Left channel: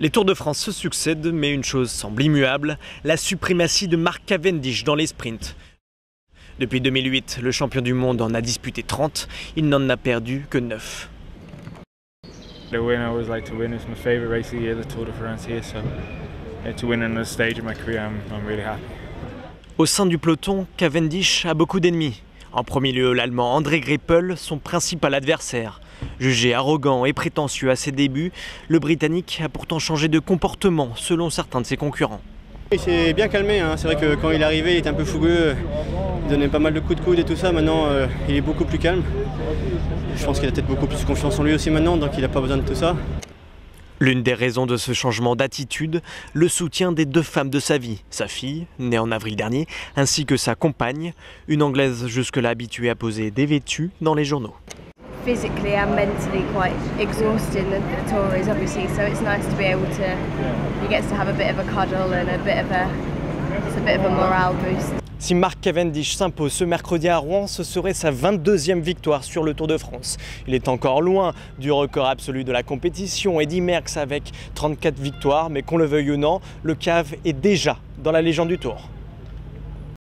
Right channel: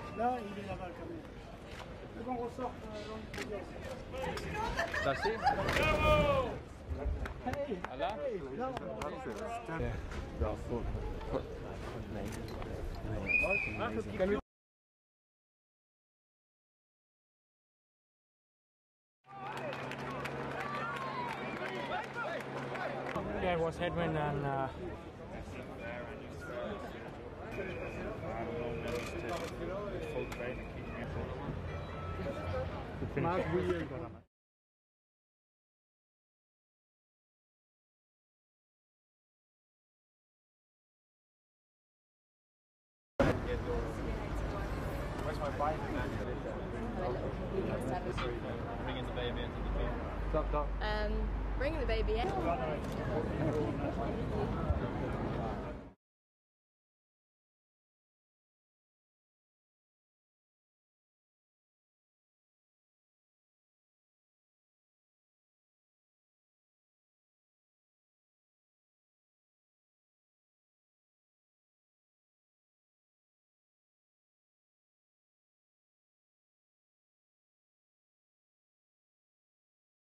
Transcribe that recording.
Les Tours de France se succèdent, mais une chose semble immuable, la suprématie de Mark Cavendish dans les sprints. Depuis 2008, le champion du monde en a disputé 30, il n'en a perdu que 9. The win I always like to win. It's my favourite race of the year, the Tour de France here. So to win another stage of my career, I'm really happy. Au sein du peloton, Cavendish a beaucoup d'ennemis. En premier lieu, l'Allemand André Greipel, son principal adversaire. Jugé arrogant et prétentieux à ses débuts, le Britannique a pourtant changé de comportement selon certains de ses concurrents. Il s'est bien calmé, hein. C'est vrai que quand il est arrivé, il était un peu fougueux, il donnait pas mal de coups de coude et tout ça. Maintenant, il est beaucoup plus calme. Je pense qu'il a peut-être beaucoup plus confiance en lui aussi maintenant, donc il n'a pas besoin de tout ça. L'une des raisons de ce changement d'attitude, le soutien des 2 femmes de sa vie, sa fille, née en avril dernier, ainsi que sa compagne, une Anglaise jusque-là habituée à poser dévêtue dans les journaux. Physically and mentally quite exhausting the tour is obviously, so it's nice to be able to, he gets to have a bit of a cuddle and it's a bit of a morale boost. Si Mark Cavendish s'impose ce mercredi à Rouen, ce serait sa 22e victoire sur le Tour de France. Il est encore loin du record absolu de la compétition, Eddy Merckx avec 34 victoires, mais qu'on le veuille ou non, le cave est déjà dans la légende du Tour.